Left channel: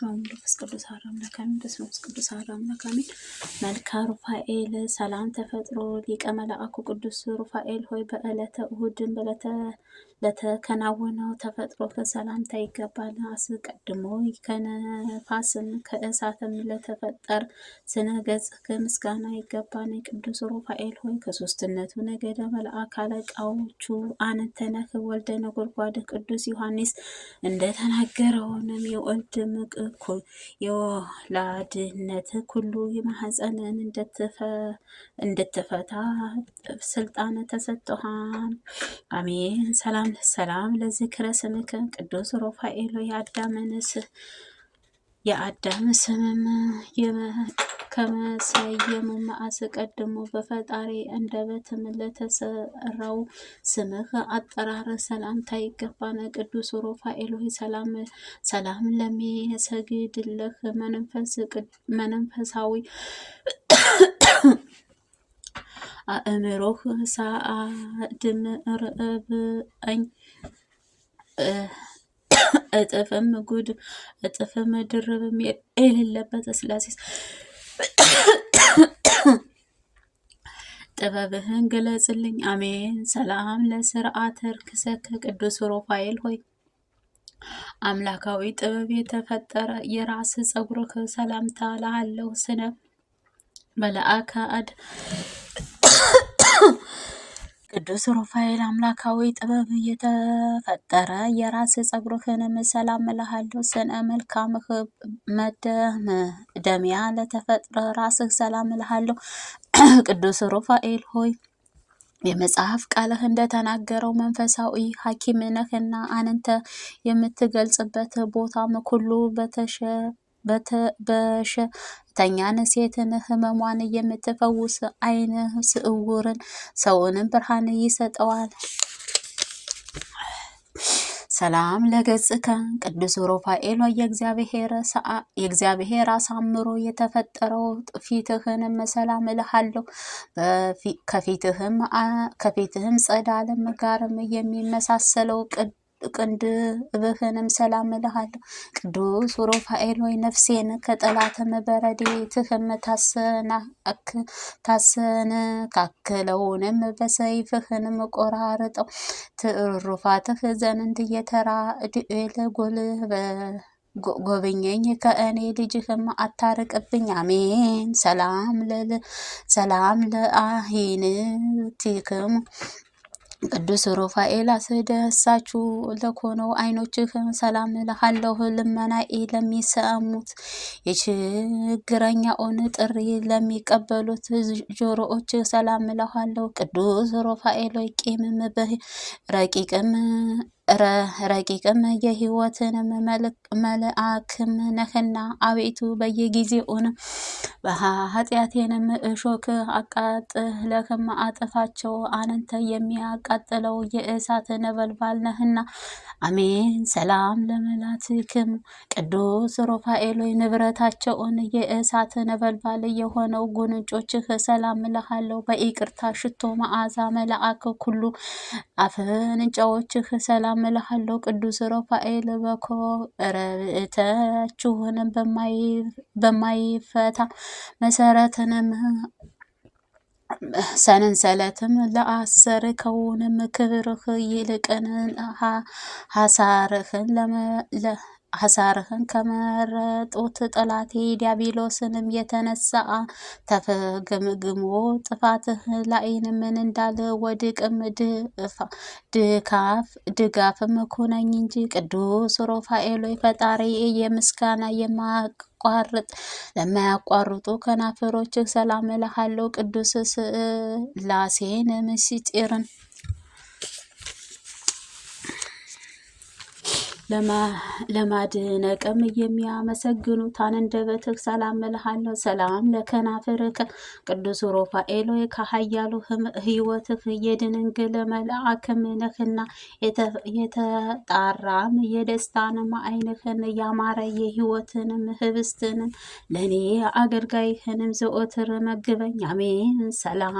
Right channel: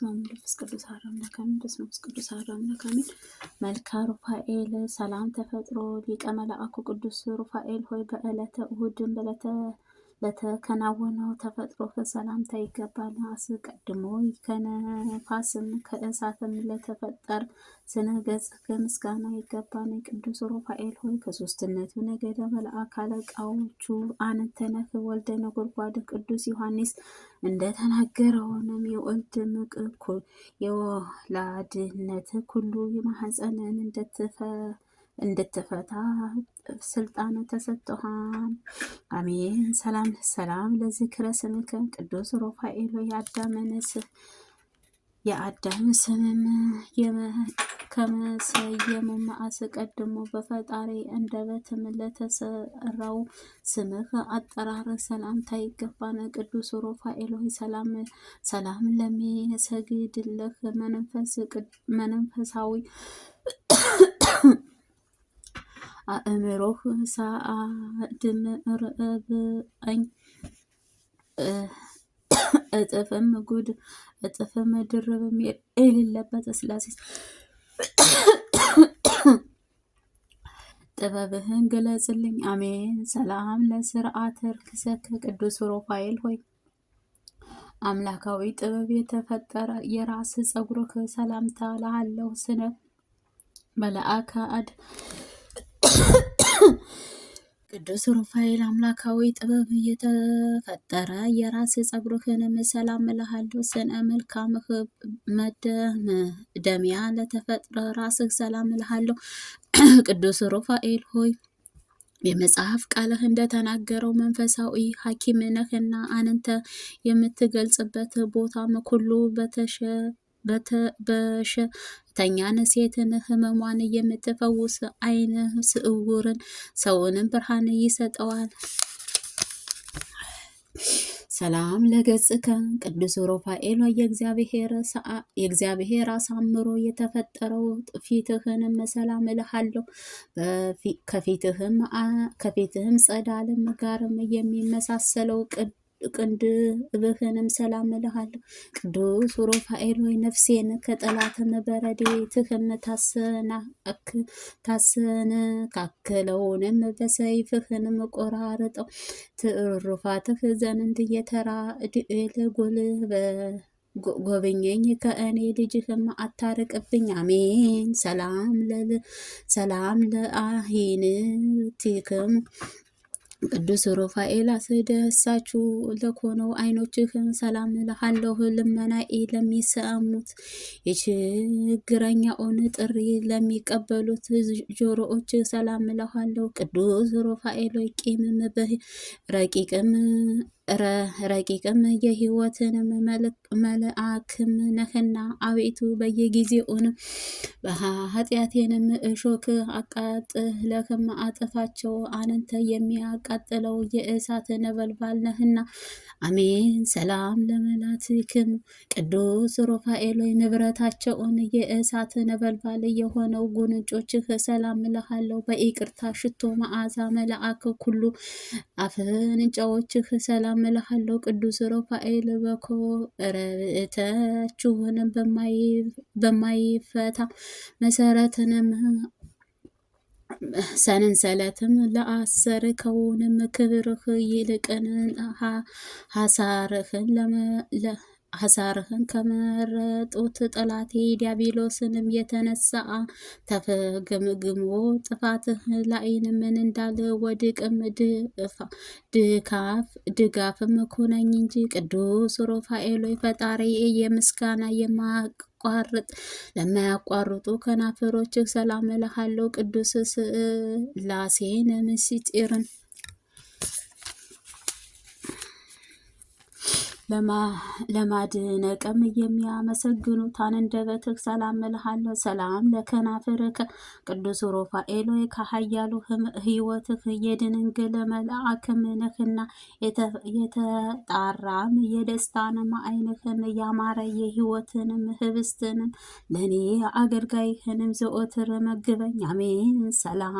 በስመ አብ ወወልድ ወመንፈስ ቅዱስ አሐዱ አምላክ አሜን። በስመ አብ ቅዱስ አሐዱ አምላክ አሜን። መልካ ሩፋኤል ሰላም ተፈጥሮ ሊቀ መላእኩ ቅዱስ ሩፋኤል ሆይ በዕለተ እሑድን ለተከናወነው ተፈጥሮ ሰላምታ ይገባል። አስቀድሞ ከነፋስም ከእሳትም ለተፈጠር ስነ ገጽህ ምስጋና ይገባል። ቅዱስ ሩፋኤል ሆይ ከሶስትነቱ ነገደ መልአክ አለቃዎቹ አንተ ነህ። ወልደ ነጎድጓድ ቅዱስ ዮሐንስ እንደተናገረውንም የወልድ ምቅኩ የወላድነት ኩሉ የማህፀንን እንድትፈታ ስልጣን ተሰጥቶሃል። አሜን። ሰላም ለዝክረ ስምከ ቅዱስ ሩፋኤል የአዳም ስምም ከመሰየሙም አስቀድሞ በፈጣሪ አንደበትም ለተሰራው ስምህ አጠራር ሰላምታ ይገባል። ቅዱስ ሩፋኤል ሆይ ሰላም ለሚሰግድልህ መንፈሳዊ አእምሮህ ሳአድም ርዕብኝ እጥፍም ድርብም የሌለበት ስላሴ ጥበብህን ግለጽልኝ። አሜን። ሰላም ለስርዓተ ርክሰከ ቅዱስ ሩፋኤል ሆይ አምላካዊ ጥበብ የተፈጠረ የራስ ጸጉርህ ሰላምታ ላለው ስነ መልአከ አድ ቅዱስ ሩፋኤል አምላካዊ ጥበብ የተፈጠረ የራስ ጸጉርህንም ሰላም እልሃለሁ። ስነ መልካምህ መደምደሚያ ለተፈጥረ ራስህ ሰላም እልሃለሁ። ቅዱስ ሩፋኤል ሆይ የመጽሐፍ ቃልህ እንደተናገረው መንፈሳዊ ሐኪም ነህና አንተ የምትገልጽበት ቦታም ሁሉ በሽተኛን ሴትን ህመሟን የምትፈውስ ዓይነ ስውርን ሰውንም ብርሃን ይሰጠዋል። ሰላም ለገጽከ ቅዱስ ሩፋኤል የእግዚአብሔር አሳምሮ የተፈጠረው ፊትህንም ሰላም እልሃለሁ። ከፊትህም ጸዳልም ጋርም የሚመሳሰለው ቅንድብህንም ሰላም እልሃለሁ። ቅዱስ ሩፋኤል ሆይ ነፍሴን ከጠላትም በረድኤትህም ታሰነካክለውንም በሰይፍህንም ቆራርጠው ትሩፋትህ ዘንድ የተራድኤል ጎብኘኝ ከእኔ ልጅህም አታርቅብኝ። አሜን። ሰላም ለአሂንቲክሙ ቅዱስ ሩፋኤል አስደሳችሁ ለኮነው ዓይኖችህ ሰላም እልሃለሁ። ልመናዬ ለሚሰሙት የችግረኛውን ጥሪ ለሚቀበሉት ጆሮዎች ሰላም እልሃለሁ። ቅዱስ ሩፋኤል ቂምም ረቂቅም የሕይወትንም መልአክም ነህና አቤቱ በየጊዜውን በኃጢአቴንም እሾክ አቃጥለህም አጥፋቸው። አንተ የሚያቃጥለው የእሳት ነበልባል ነህና። አሜን። ሰላም ለመላትክሙ ቅዱስ ሩፋኤል ንብረታቸውን የእሳት ነበልባል የሆነው ጉንጮችህ ሰላም እልሃለሁ። በይቅርታ ሽቶ መዓዛ መልአክ ሁሉ አፍንጫዎችህ ሰላም እልሃለሁ። ቅዱስ ሩፋኤል በኮረብታችሁንም በማይፈታ መሰረትንም ሰንሰለትም ለአሰርከውንም ክብርህ ይልቅን ሐሳርህን ከመረጡት ጠላቴ ዲያብሎስንም የተነሳ ተፈግምግሞ ጥፋትህ ላይንም ምን እንዳለ ወድቅም ድጋፍም ኮነኝ እንጂ። ቅዱስ ሩፋኤል ፈጣሪ የምስጋና ለማያቋርጡ ከናፈሮችህ ሰላም እልሃለሁ። ቅዱስ ሥላሴን ምስጢርን ለማድነቅም የሚያመሰግኑት አንደበትህ ሰላም እልሃለሁ። ሰላም ለከናፍርህ ቅዱስ ሩፋኤል ከኃያሉ ሕይወትህ የድንግል መልአክም ነህና የተጣራም የደስታንም ዓይንህን ያማረ የሕይወትንም ህብስትንም ለእኔ አገልጋይህንም ዘወትር መግበኝ። አሜን። ሰላም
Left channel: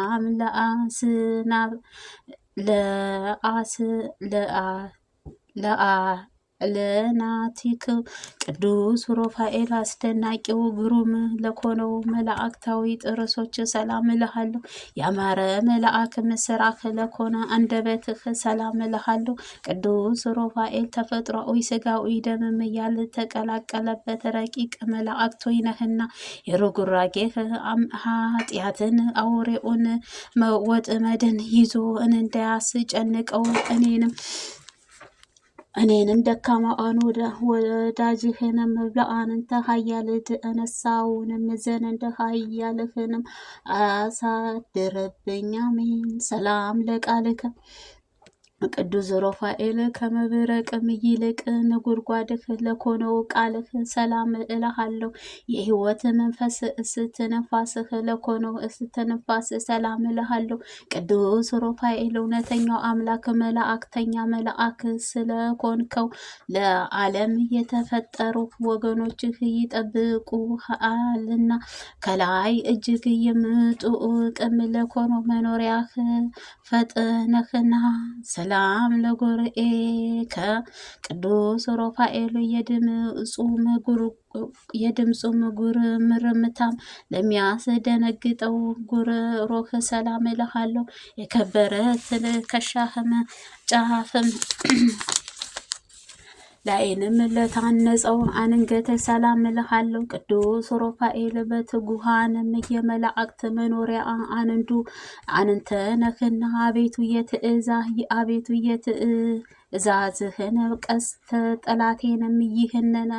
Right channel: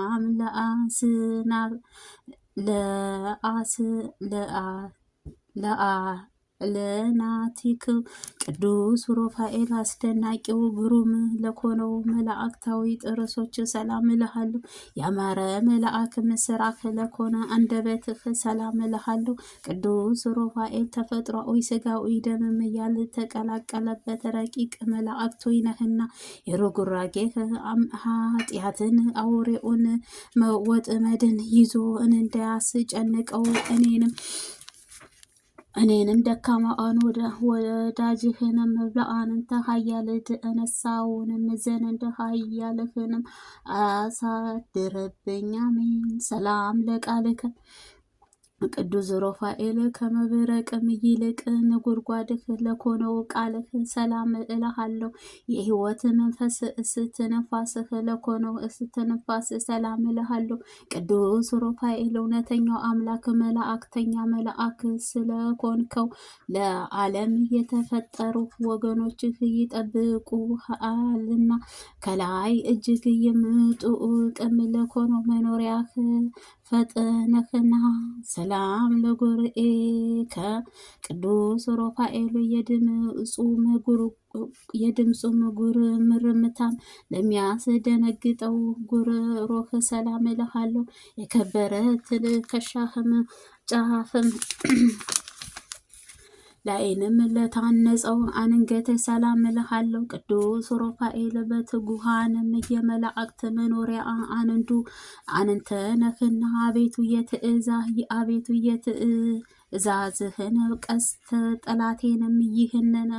ለናቲክ ቅዱስ ሩፋኤል አስደናቂው ግሩም ለኮነው መላእክታዊ ጥርሶች ሰላም እልሃለሁ። ያማረ መልአክ ምስራክ ለኮነ አንደበትህ ሰላም እልሃለሁ። ቅዱስ ሩፋኤል ተፈጥሯዊ ስጋዊ ደምም ያልተቀላቀለበት ረቂቅ መላእክቶይ ነህና የርጉራጌህ ኃጢአትን አውሬውን ወጥመድን ይዞ እንዳያስጨንቀው እኔንም ደካማዋን ወዳጅህንም ለአንተ ኃያልት እነሳውንም ዘንድ ኃያልህንም አሳድርብኝ። አሜን። ሰላም ለቃልከ ቅዱስ ሩፋኤል ከመብረቅም ይልቅ ነጎድጓድህ ለኮነው ቃልህ ሰላም እልሃለሁ። የሕይወት መንፈስ እስትንፋስህ ለኮነው እስትንፋስ ሰላም እልሃለሁ። ቅዱስ ሩፋኤል እውነተኛው አምላክ መላእክተኛ መልአክ ስለኮንከው ለዓለም የተፈጠሩ ወገኖችህ ይጠብቁሃልና ከላይ እጅግ የምጡቅም ለኮነው መኖሪያህ ፈጥነህና ሰላም ለጉርኤከ ቅዱስ ሩፋኤል የድምፁ ጉርምርምታም ለሚያስደነግጠው ጉሮሮህ ሰላም እልሃለሁ። የከበረ ትከሻህም ጫፍም ላይንም ለታነጸው አንገተ ሰላም እልሃለሁ። ቅዱስ ሩፋኤል በትጉሃንም የመላእክት መኖሪያ አንተ ነህና አቤቱ የትእዛዝህን ቀስተ ጠላቴንም ይህንን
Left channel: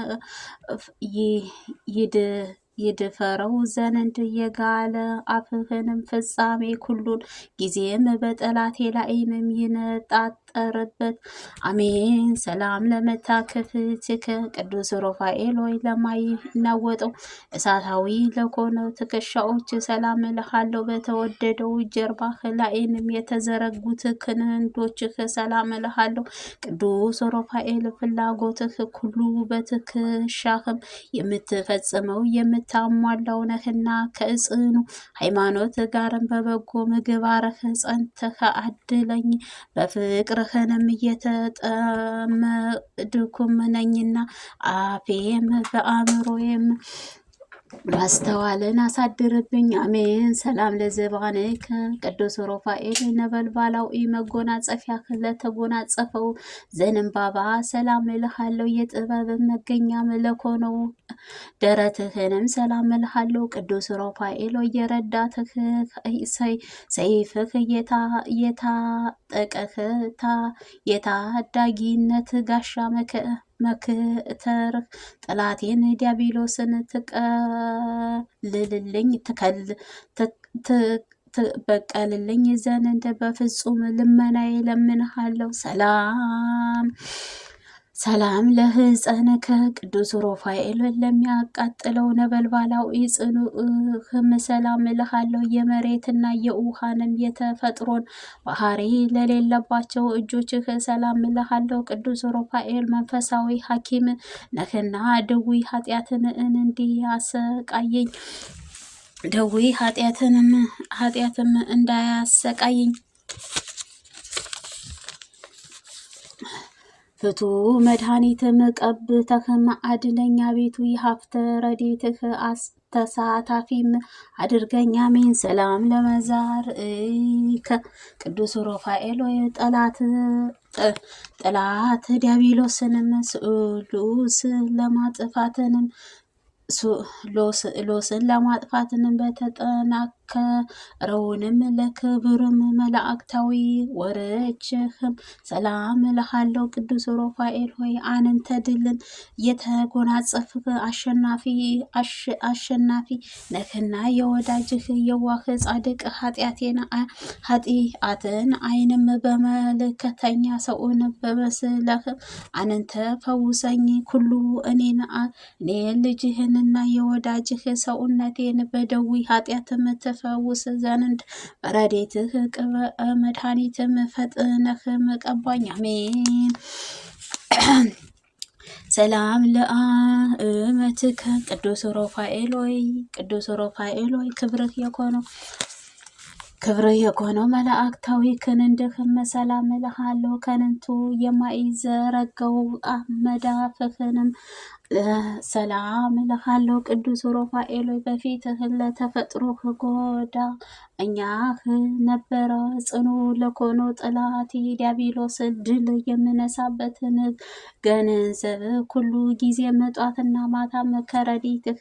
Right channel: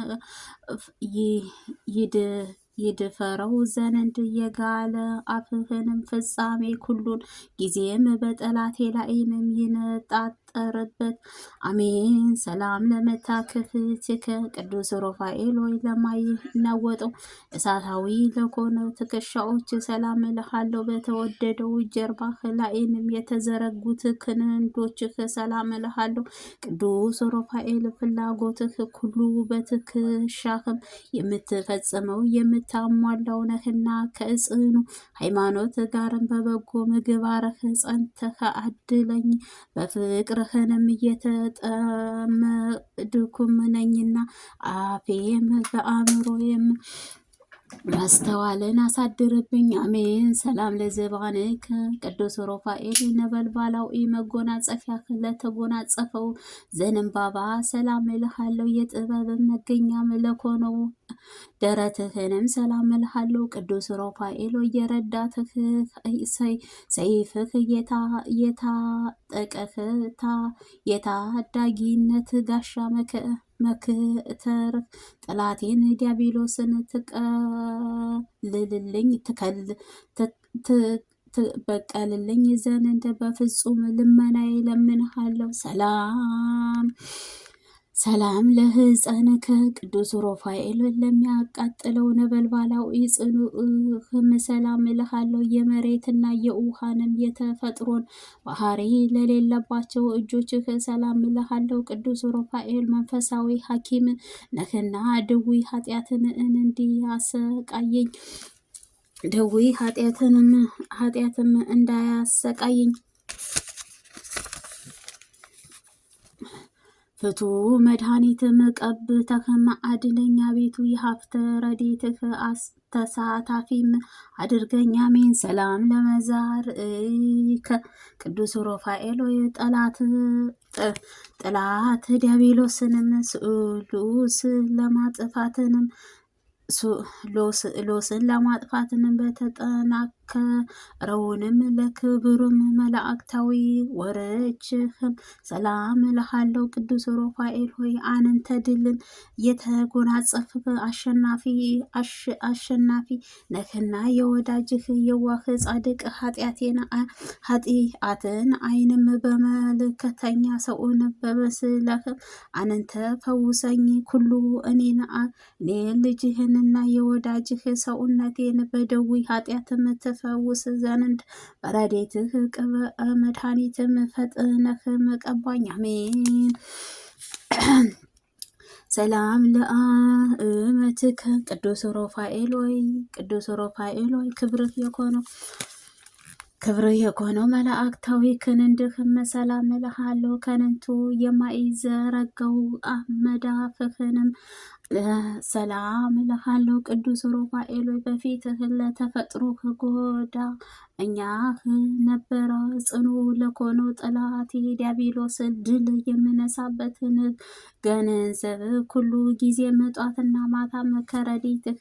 ይድፈረው ዘንድ የጋለ አፍህንም ፍጻሜ ኩሉን ጊዜም በጠላቴ ላይንም ይነጣጠርበት። አሜን። ሰላም ለመታከፍትከ ቅዱስ ሩፋኤል ወይ ለማይናወጠው እሳታዊ ለኮነው ትከሻዎች ሰላም እልሃለሁ። በተወደደው ጀርባህ ላይንም የተዘረጉት ክንዶችህ ሰላም እልሃለሁ። ቅዱስ ሩፋኤል ፍላጎትህ ሁሉ በትከሻህም የምትፈጽመው የምታሟላው ነህና ከጽኑ ሃይማኖት ጋርም በበጎ ምግባርህ ጸንተህ አድለኝ። በፍቅርህንም እየተጠመድኩም ነኝና አፌም በአእምሮዬም ማስተዋልን አሳድርብኝ። አሜን። ሰላም ለዘባንከ ቅዱስ ሩፋኤል ነበልባላዊ መጎናጸፊያ ለተጎናጸፈው ዘንባባ ሰላም እልሃለሁ። የጥበብ መገኛ ለኮነው ደረትህንም ሰላም እልሃለሁ። ቅዱስ ሩፋኤል የረዳትህ ሰይፍህ የታጠቀህ የታዳጊነት ጋሻ መክተርህ ጠላቴን ዲያብሎስን ትበቀልልኝ ዘንድ በፍጹም ልመናዬ ለምንሃለሁ። ሰላም ለሕፀንከ ቅዱስ ሩፋኤል ለሚያቃጥለው ነበልባላዊ ጽኑዕህም ሰላም እልሃለሁ። የመሬትና የውሃንም የተፈጥሮን ባህሪ ለሌለባቸው እጆችህ ሰላም እልሃለሁ። ቅዱስ ሩፋኤል መንፈሳዊ ሐኪም ነህና ደዌ ኃጢአትን እንዲያሰቃየኝ ኃጢአትም እንዳያሰቃየኝ ፍቱ መድኃኒትም ቀብተህም አድነኝ። አቤቱ የሀብተ ረድኤትህ ተሳታፊም አድርገኝ። አሜን። ሰላም ለመዛርኢከ ቅዱስ ሩፋኤል ጠላት ዲያብሎስንም ስሉስ ሎስን ለማጥፋትንም በተጠናከረውንም ለክብሩም መላእክታዊ ወረችህም ሰላም እልሃለሁ። ቅዱስ ሩፋኤል ሆይ አንተ ድልን የተጎናጸፍህ አሸናፊ ነህና የወዳጅህ የዋህ ጻድቅ ኃጢአትን አይንም በመልከተኛ ሰውን በመስለህ አንተ ፈውሰኝ። ኩሉ እኔን ልጅህን እና የወዳጅህ ሰውነቴን በደዌ ኃጢአትም ትፈውስ ዘንድ በረድኤትህ መድኃኒትም ፈጥነህም ቀባኝ። አሜን። ሰላም ለአእመትከ ቅዱስ ሩፋኤል ሆይ ክብርህ የኮነው ክብር የኮነው መላእክታዊ ክንድህም ሰላም እልሃለሁ። ከንቱ የማይዘረጋው መዳፍህንም ሰላም እልሃለሁ። ቅዱስ ሩፋኤል በፊትህ ለተፈጥሮህ ጎዳ እኛህ ነበረ ጽኑ ለኮኖ ጠላት ዲያብሎስ ድል የምነሳበትን ገንዘብ ሁሉ ጊዜ መጧትና ማታም ከረዲትህ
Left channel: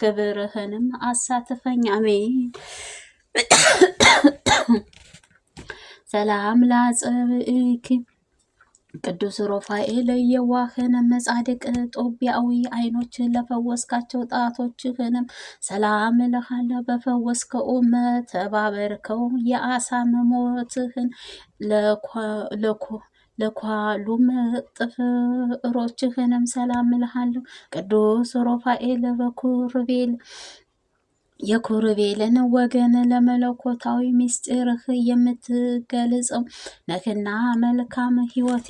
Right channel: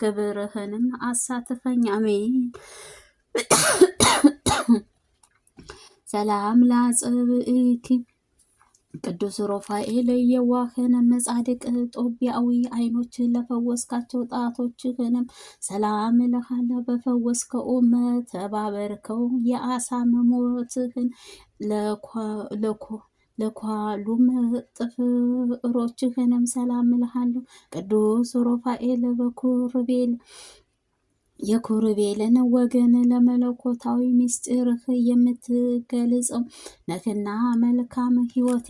ክብርህንም አሳትፈኝ። አሜን። ሰላም ላጽብእኪ ቅዱስ ሩፋኤል የዋህንም ጻድቅ ጦቢያዊ አይኖችን ለፈወስካቸው ጣቶችህንም ሰላም እልሃለሁ። በፈወስከውም ተባበርከው የአሳም ሞትህን ለኳሉም ጥፍሮችህንም ሰላም እልሃለሁ። ቅዱስ ሩፋኤል የኩርቤልን ወገን ለመለኮታዊ ምስጢርህ የምትገልጸው ነህና መልካም ሕይወቴ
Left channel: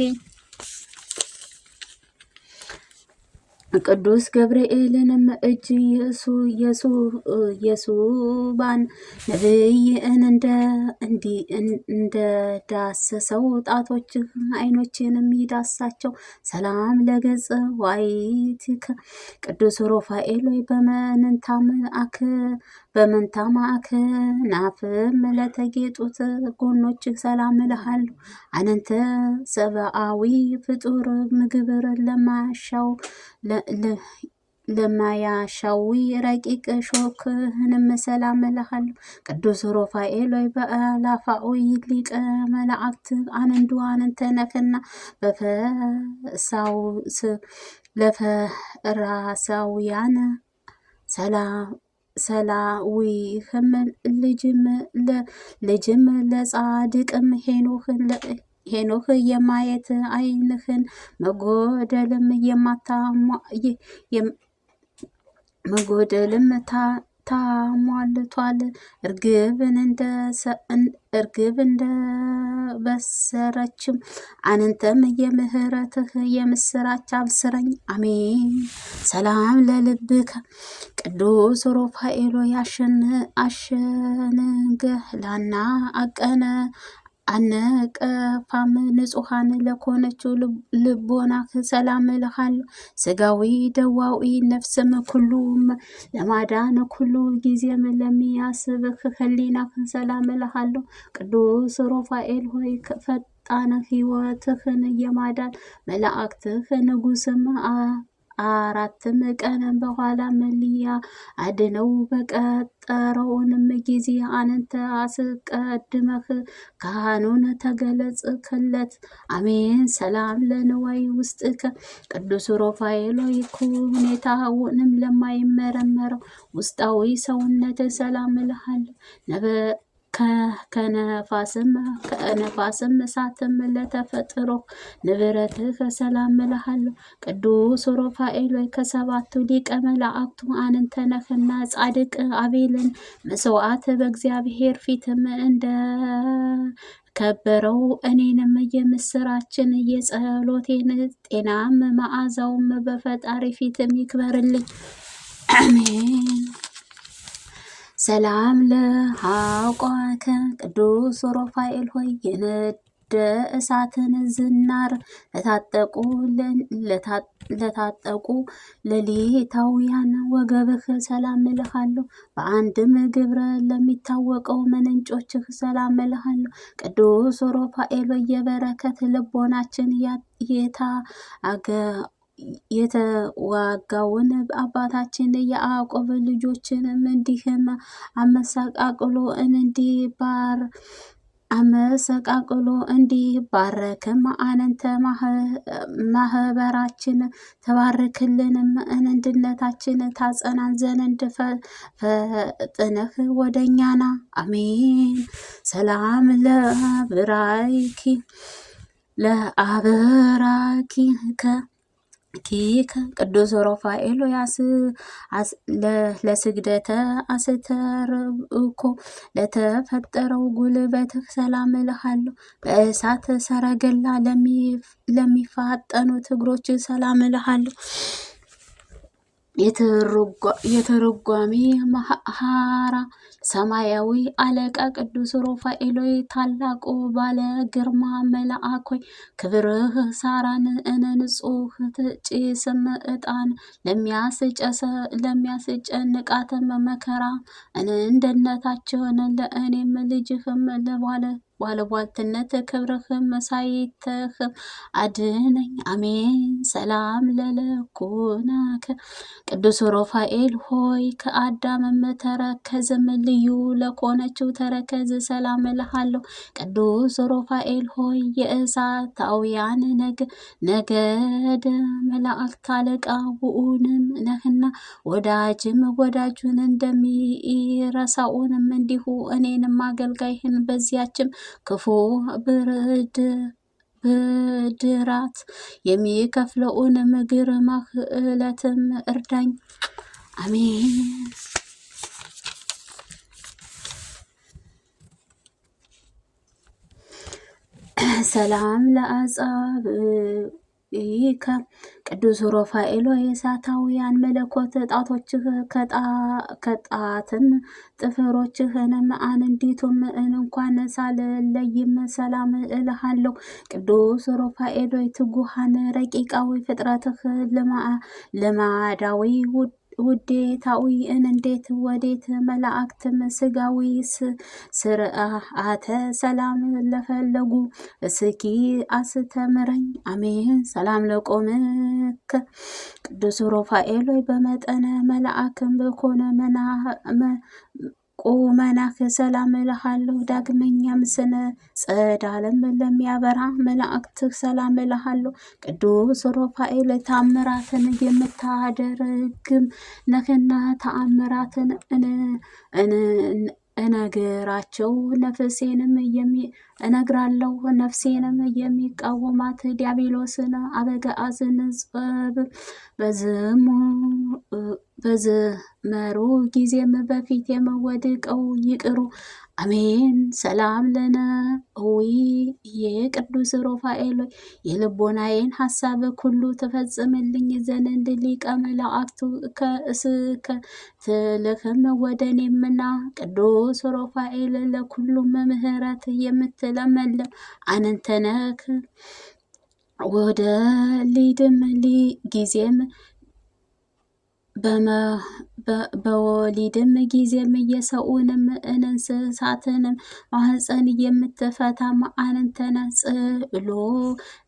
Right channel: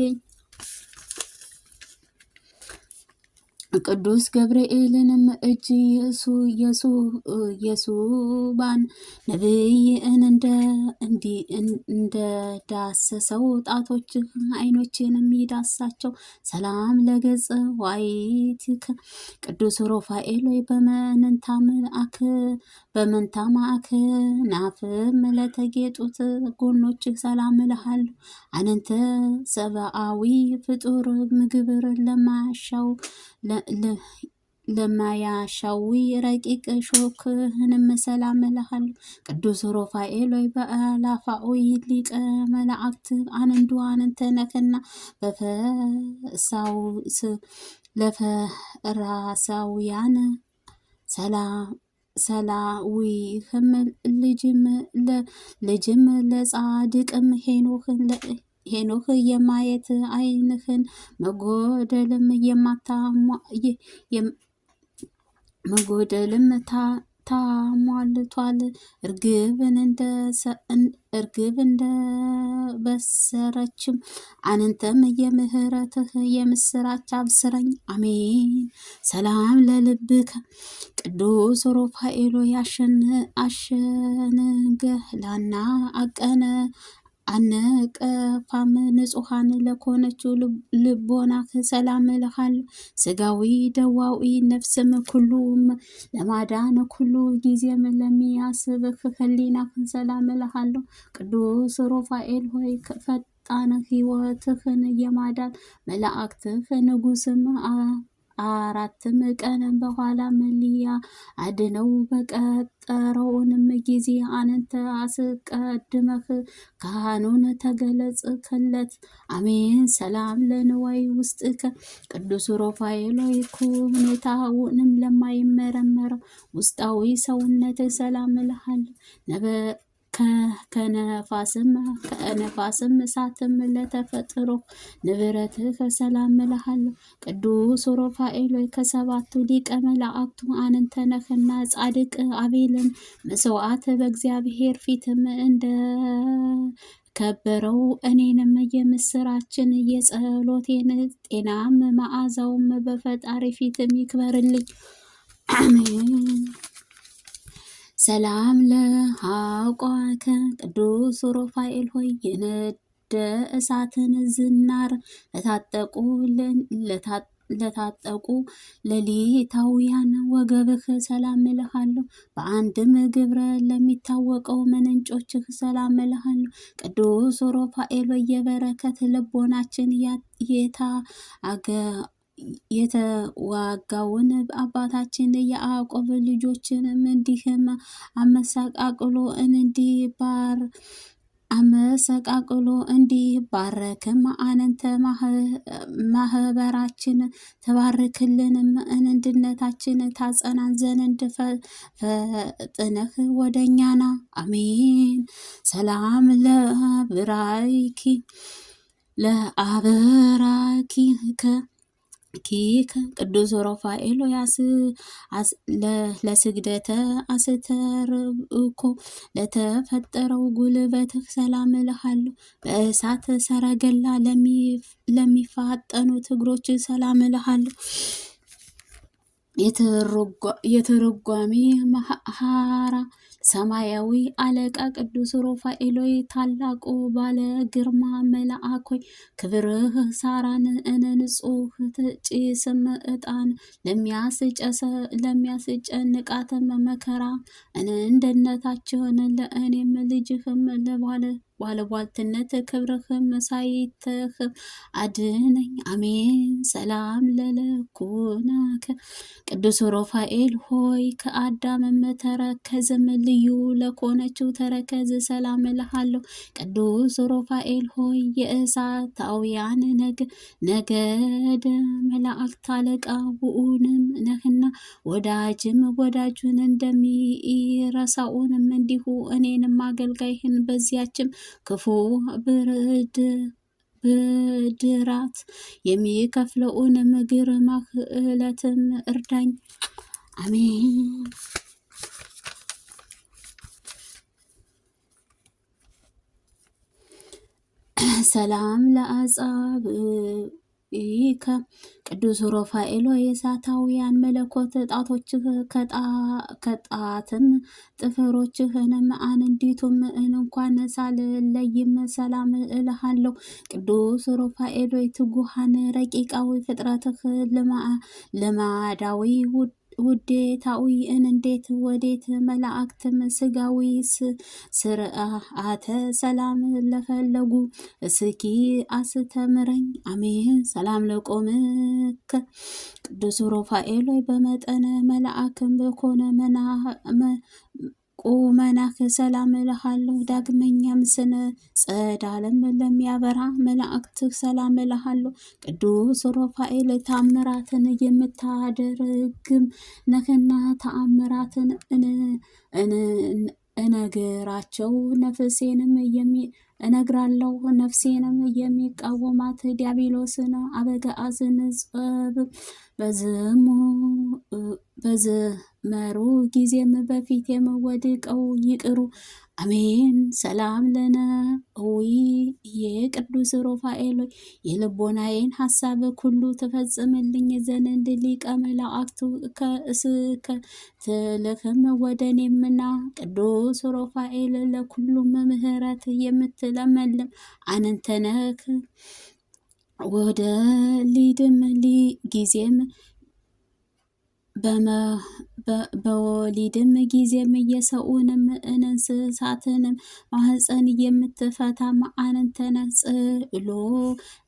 ቅዱስ ገብርኤልንም እጅ የሱባን ነብይን እንደዳሰሰው ጣቶች አይኖችንም ይዳሳቸው። ሰላም ለገጽ ዋይትከ ቅዱስ ሩፋኤል በመንታ ማዕከናፍም ለተጌጡት ጎኖች ሰላም እልሃለሁ። አነንተ ሰብአዊ ፍጡር ምግብር ለማያሻዊ ረቂቅ ሾክህንም ሰላም እልሃለሁ። ቅዱስ ሩፋኤል በአላፋዊ ሊቀ መላእክት አንተ ነህና ለፈራሳውያን ሰላዊህም ልጅም ለጻድቅም ሄኖህ የማየት አይንህን መጎደልም ታሟልቷል። እርግብ እንደበሰረችም አንተም የምህረትህ የምስራች አብስረኝ። አሜን። ሰላም ለልብከ ቅዱስ ሩፋኤል አሸንገላና አነቀፋም ንጹሐን ለኮነችው ልቦናህ ሰላም እልሃለሁ። ስጋዊ ደዋዊ ነፍስም ኩሉም ለማዳን ኩሉ ጊዜም ለሚያስብህ ህሊናህ ሰላም እልሃለሁ። ቅዱስ ሩፋኤል ሆይ ፈጣን ሕይወትህን የማዳን መላእክትህ ንጉስም አራትም ቀን በኋላ መሊያ አድነው በቀጠረውንም ጊዜ አንተ አስቀድመህ ካህኑን ተገለጽክለት። አሜን። ሰላም ለንዋይ ውስጥከ ቅዱስ ሩፋኤል ሁኔታውንም ለማይመረመረው ውስጣዊ ሰውነት ሰላም እልሃለሁ። ከነፋስም እሳትም ለተፈጥሮ ንብረትህ ሰላም እልሃለሁ። ቅዱስ ሩፋኤል ከሰባቱ ሊቀ መላእክቱ አንተ ነህና ጻድቅ አቤልን መስዋዕት በእግዚአብሔር ፊትም እንደ ከበረው እኔንም የምስራችን የጸሎቴን ጤናም መዓዛውም በፈጣሪ ፊትም ይክበርልኝ። አሜን። ሰላም ለሃቆከ ቅዱስ ሩፋኤል ሆይ የነደ እሳትን ዝናር ለታጠቁ ሌሊታውያን ወገብህ ሰላም እልሃለሁ። በአንድም ግብረ ለሚታወቀው ምንጮችህ ሰላም እልሃለሁ። ቅዱስ ሩፋኤል የበረከት ልቦናችን የተዋጋውን አባታችን የያዕቆብ ልጆችንም እንዲህም አመሰቃቅሎ እንዲባረክም አንተ ማህበራችን ተባርክልንም አንድነታችን ታጸናን ዘንድ ፈጥነህ ወደኛና። አሜን። ሰላም ለአብራኪ ቅዱስ ሩፋኤል ለስግደተ አስተርእኮ ለተፈጠረው ጉልበትህ ሰላም እልሃለሁ። በእሳት ሰረገላ ለሚፋጠኑት እግሮች ሰላም እልሃለሁ። የትርጓሜ መሐራ ሰማያዊ አለቃ ቅዱስ ሩፋኤል ሆይ ታላቁ ባለ ግርማ መልአክ ሆይ ክብርህ ሳራን ንጹህ ጭስም ዕጣን ለሚያስጨንቃትም መከራ እንደነታቸውን ለእኔም ልጅህም ባለቧልትነት ክብርህም ሳይተህም አድነኝ። አሜን። ሰላም ለለኩናከ ቅዱስ ሩፋኤል ሆይ ከአዳምም ተረከዝም ልዩ ለኮነችው ተረከዝ ሰላም እልሃለሁ። ቅዱስ ሩፋኤል ሆይ የእሳታውያን ነገድ መላእክት አለቃ ውኡንም ነህና ወዳጅም ወዳጁን እንደሚረሳውንም እንዲሁ እኔንም አገልጋይህን በዚያችም ክፉ ብድራት የሚከፍለውንም ግርማህ ዕለትም እርዳኝ። አሜን። ሰላም ለአጻብዕከ ቅዱስ ሩፋኤል ሆይ የእሳታውያን መለኮት ጣቶችህ ከጣትም ጥፍሮችህንም አንዲቱም እንኳን ሳልለይም ሰላም እልሃለሁ። ቅዱስ ሩፋኤል ሆይ ትጉሃን ረቂቃዊ ፍጥረትህ ልማዳዊ ውዴታዊ እንዴት ወዴት መላእክትም ስጋዊ ስርዓተ ሰላም ለፈለጉ እስኪ አስተምረኝ። አሜን። ሰላም ለቆምከ ቅዱስ ሩፋኤል ሆይ በመጠነ መልአክም በኮነ ቁመናህ ሰላም እልሃለሁ። ዳግመኛም ስነ ጸዳለም ለሚያበራ መላእክትህ ሰላም እልሃለሁ። ቅዱስ ሩፋኤል ተአምራትን የምታደርግም ነህና ተአምራትን እነግራቸው እነግራለሁ። ነፍሴንም የሚቃወማት ዲያብሎስን አበጋዝን ጸብ በዘመሩ ጊዜም በፊት የምወድቀው ይቅሩ። አሜን። ሰላም ለነ ዊ የቅዱስ ሩፋኤል የልቦናዬን ሀሳብ ሁሉ ትፈጽምልኝ ዘንድ ሊቀ መላእክቱ ከእስከ ትልክም ወደ እኔምና ቅዱስ ሩፋኤል ለኩሉም ምህረት የምትለመለም አንተነክ ወደ ሊድም ጊዜም በወሊድም ጊዜም የሰውንም እንስሳትንም ማህፀን የምትፈታም አንተነ ጽሎ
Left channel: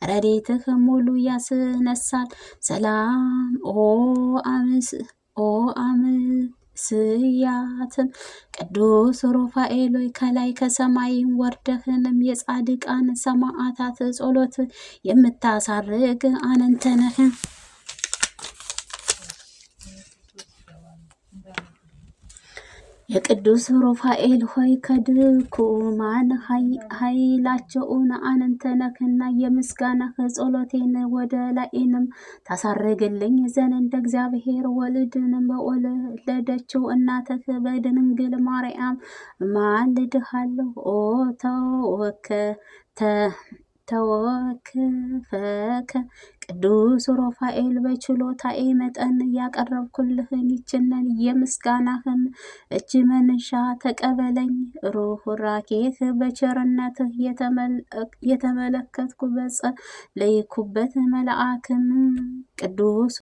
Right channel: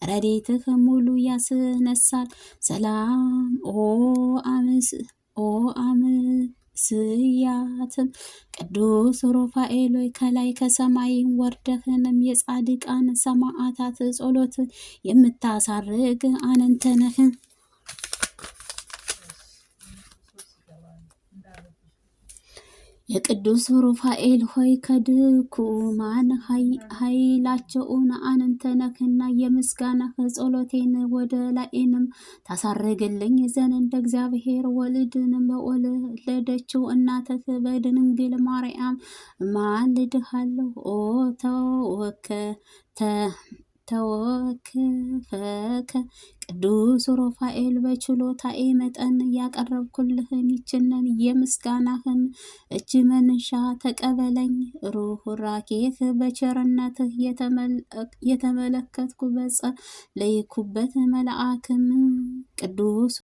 ረድኤትህ ሙሉ ያስነሳል። ሰላም ኦ አምስያትም ቅዱስ ሩፋኤል ሆይ ከላይ ከሰማይም ወርደህንም የጻድቃን ሰማዕታት ጸሎት የምታሳርግ አንተ ነህ። የቅዱስ ሩፋኤል ሆይ ከድኩማን ኃይላቸውን አንተ ነህና የምስጋናህ ጸሎቴን ወደ ላይንም ታሳርግልኝ ዘንድ እግዚአብሔር ወልድንም በወለደችው እናትህ በድንግል ማርያም ማልድሃለሁ። ኦ ተወክፈከ ቅዱስ ሩፋኤል በችሎታዬ መጠን ያቀረብኩልህን ይችንን የምስጋናህን እጅ መንሻ ተቀበለኝ። ሩህራኬህ በቸርነትህ የተመለከትኩ በጸለይኩበት መልአክም ቅዱስ